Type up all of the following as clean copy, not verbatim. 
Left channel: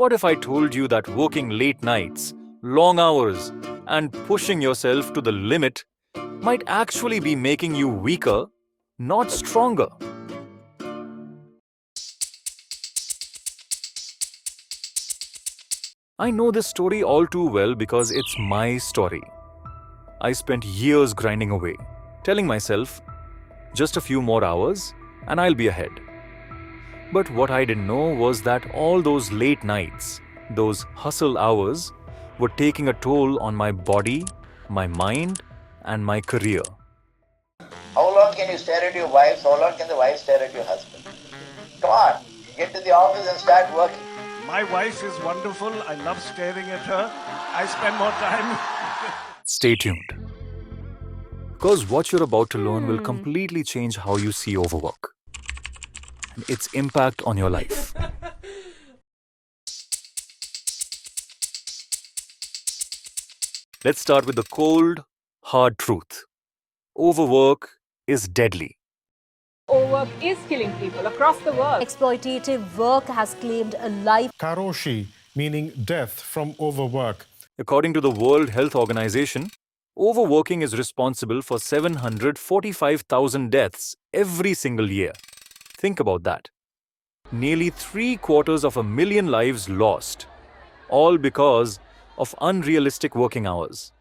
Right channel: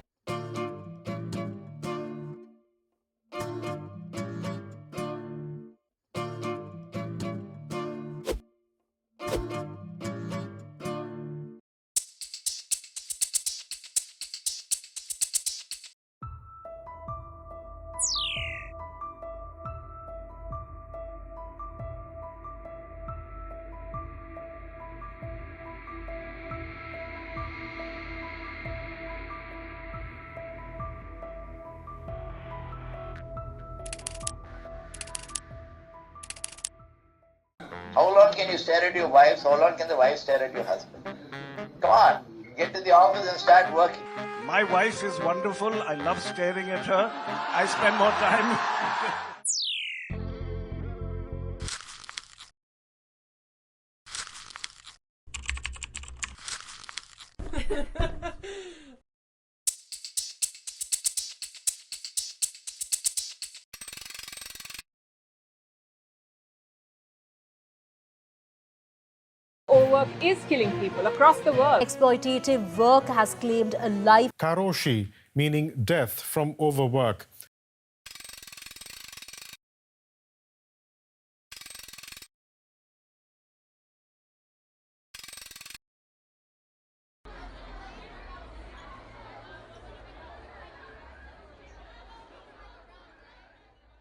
What if I told you that working late nights, long hours, and pushing yourself to the limit might actually be making you weaker, not stronger? I know this story all too well because it's my story. I spent years grinding away, telling myself, just a few more hours and I'll be ahead. But what I didn't know was that all those late nights, those hustle hours, were taking a toll on my body, my mind, and my career. How long can you stare at your wives? How long can the wife stare at your husband? Come on, get to the office and start working. My wife is wonderful. I love staring at her. I spend more time. Stay tuned. Because what you're about to learn will completely change how you see overwork, its impact on your life. Let's start with the cold, hard truth. Overwork is deadly. Overwork is killing people across the world. Exploitative work has claimed a life. Karoshi, meaning death from overwork. According to the World Health Organization, overworking is responsible for 745,000 deaths every single year. Think about that. Nearly 750,000 lives lost, all because of unrealistic working hours.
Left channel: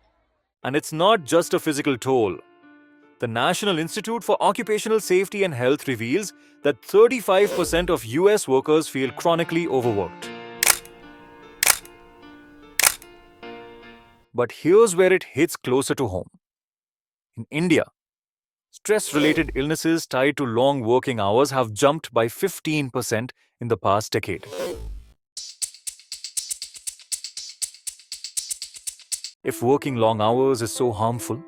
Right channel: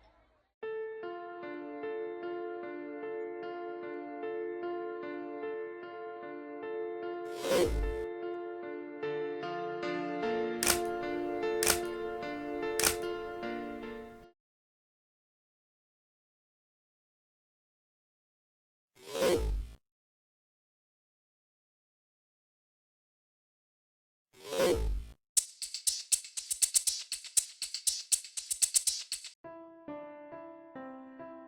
And it's not just a physical toll. The National Institute for Occupational Safety and Health reveals that 35% of US workers feel chronically overworked. But here's where it hits closer to home. In India, stress-related illnesses tied to long working hours have jumped by 15% in the past decade. If working long hours is so harmful,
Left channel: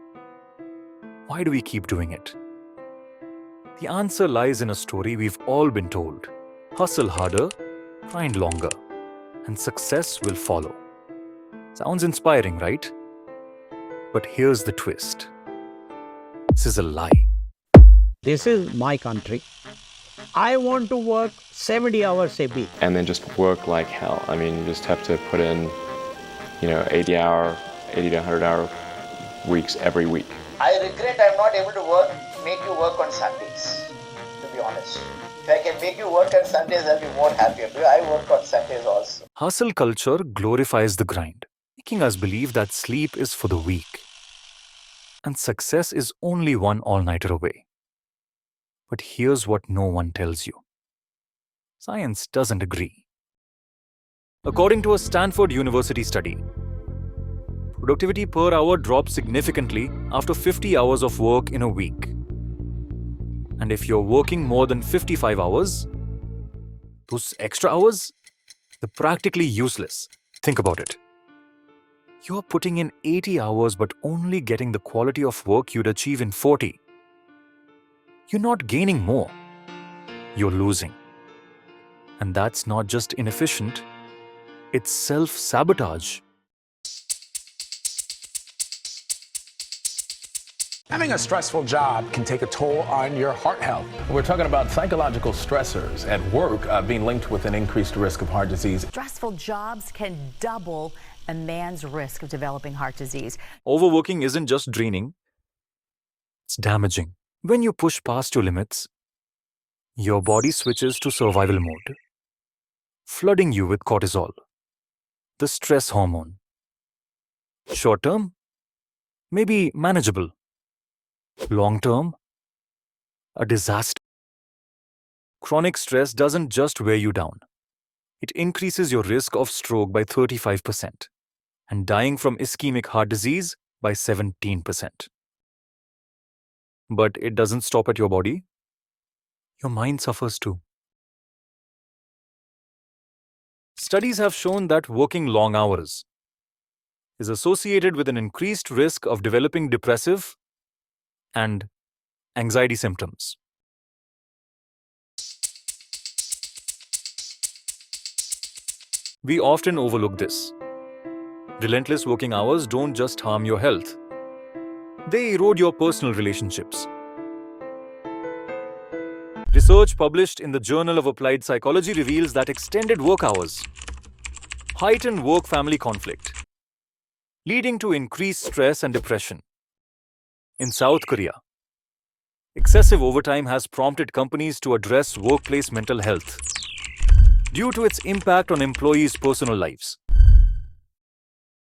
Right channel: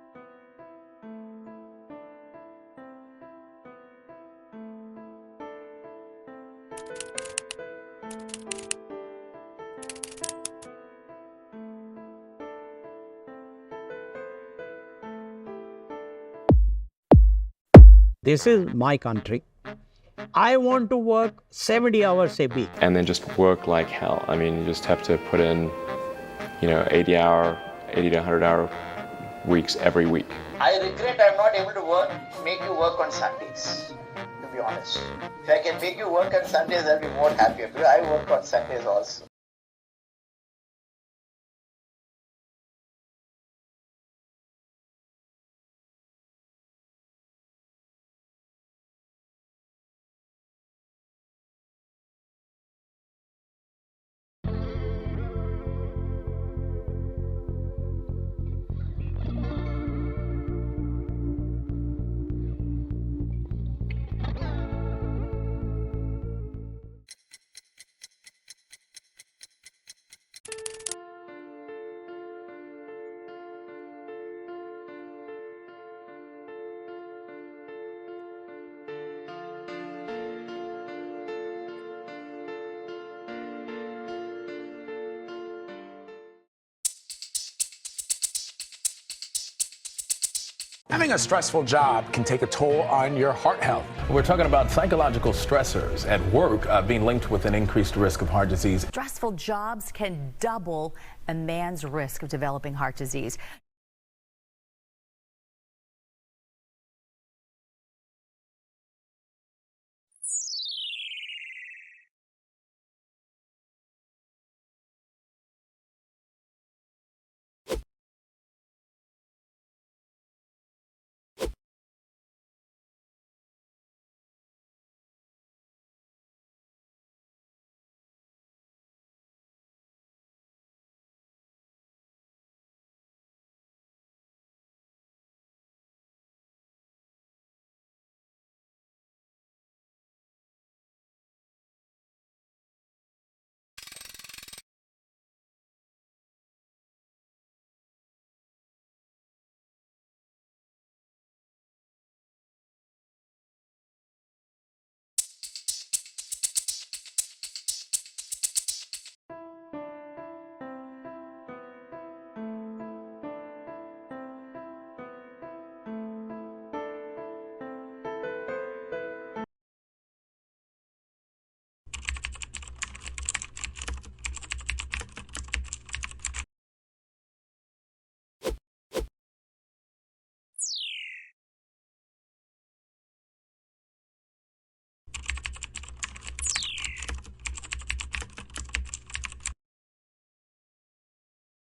why do we keep doing it? The answer lies in a story we've all been told. Hustle harder, grind longer, and success will follow. Sounds inspiring, right? But here's the twist. This is a lie. This is my country. I want to work 70 hours a week. And then just work like hell. I mean, you just have to put in, 80 to 100 hour weeks every week. I regret I'm not able to make you work on Sundays, to be honest. If I can make you work on Sundays, I'll be more happier. Because I work on Sundays also. Hustle culture glorifies the grind, making us believe that sleep is for the weak. And success is only one all-nighter away. But here's what no one tells you. Science doesn't agree. According to a Stanford University study, productivity per hour drops significantly after 50 hours of work in a week. And if you're working more than 55 hours, those extra hours, they're practically useless. Think about it. You're putting in 80 hours but only getting the quality of work you'd achieve in 40. You're not gaining more. You're losing. And that's not just inefficient, it's self-sabotage. Having a stressful job can take a toll on your heart health. We're talking about psychological stressors at work being linked with an increased risk of heart disease. Stressful jobs can double a man's risk of developing heart disease. Overworking isn't just draining, it's damaging. When you push past your limits, your body switches to survival mode, flooding you with cortisol, the stress hormone. Short term, maybe manageable. Long term, a disaster. Chronic stress doesn't just wear you down. It increases your risk of stroke by 35% and dying from ischemic heart disease by 17%. But it doesn't stop at your body. Your mind suffers too. Studies have shown that working long hours is associated with an increased risk of developing depressive and anxiety symptoms. We often overlook this. Relentless working hours don't just harm your health. They erode your personal relationships. Research published in the Journal of Applied Psychology reveals that extended work hours heighten work-family conflict, leading to increased stress and depression. In South Korea, excessive overtime has prompted companies to address workplace mental health due to its impact on employees' personal lives.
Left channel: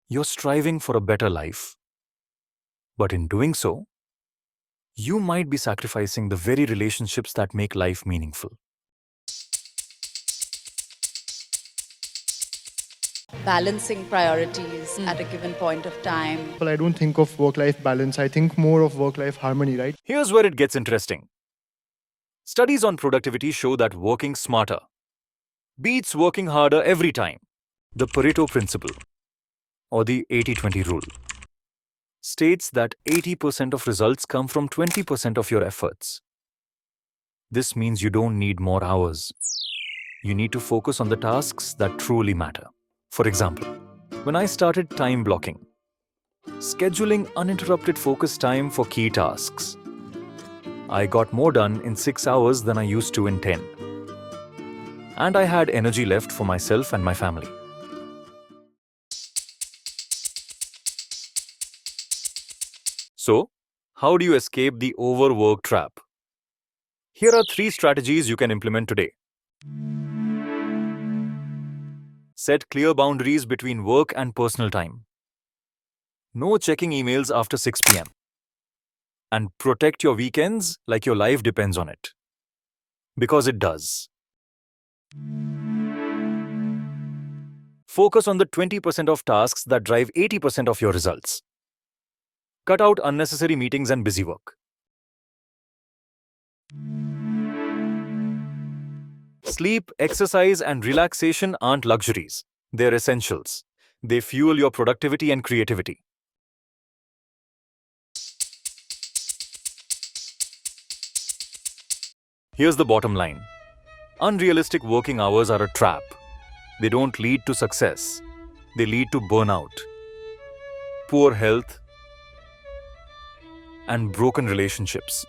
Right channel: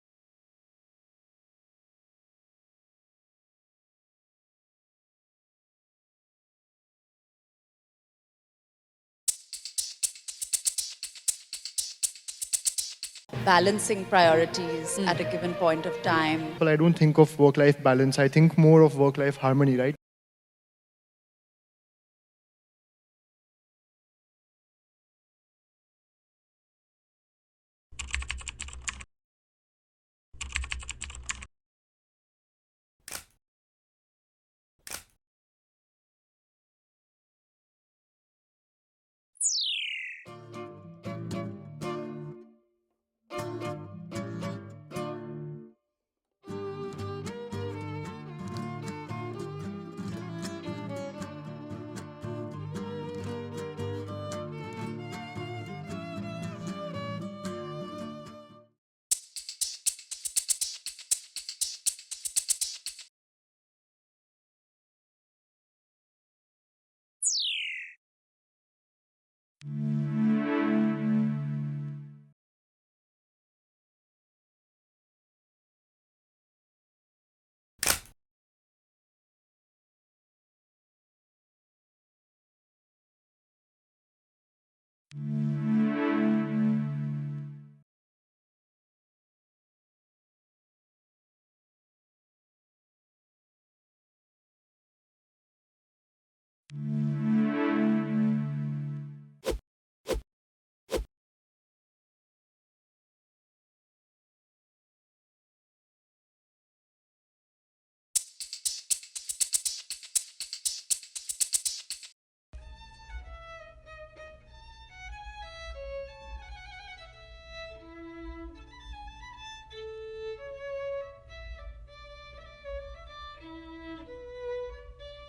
You're striving for a better life, but in doing so, you might be sacrificing the very relationships that make life meaningful. Balancing priorities at a given point of time. Well, I don't think of work-life balance. I think more of work-life harmony, right? Here's where it gets interesting. Studies on productivity show that working smarter beats working harder every time. The Pareto principle, or the 80-20 rule, states that 80% of results come from 20% of your efforts. This means you don't need more hours. You need to focus on the tasks that truly matter. For example, when I started time blocking, scheduling uninterrupted focus time for key tasks, I got more done in 6 hours than I used to in 10. And I had energy left for myself and my family. So, how do you escape the overwork trap? Here are 3 strategies you can implement today. Set clear boundaries between work and personal time. No checking emails after 6 p.m. And protect your weekends like your life depends on it. Because it does. Focus on the 20% of tasks that drive 80% of your results. Cut out unnecessary meetings and busy work. Sleep, exercise, and relaxation aren't luxuries. They're essentials. They fuel your productivity and creativity. Here's the bottom line. Unrealistic working hours are a trap. They don't lead to success. They lead to burnout, poor health, and broken relationships.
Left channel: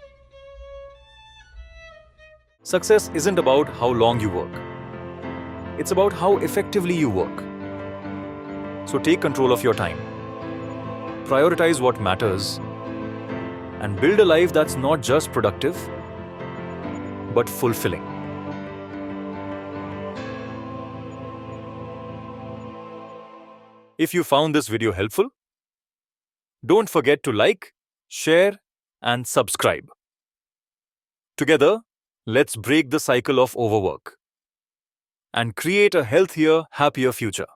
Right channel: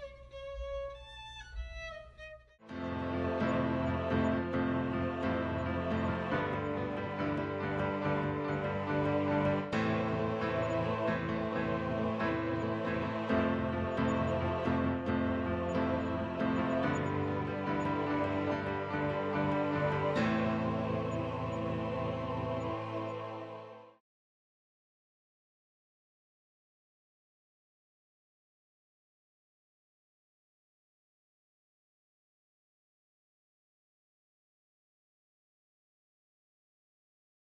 Success isn't about how long you work. It's about how effectively you work. So take control of your time. Prioritize what matters. And build a life that's not just productive, but fulfilling. If you found this video helpful, don't forget to like, share, and subscribe. Together, let's break the cycle of overwork and create a healthier, happier future.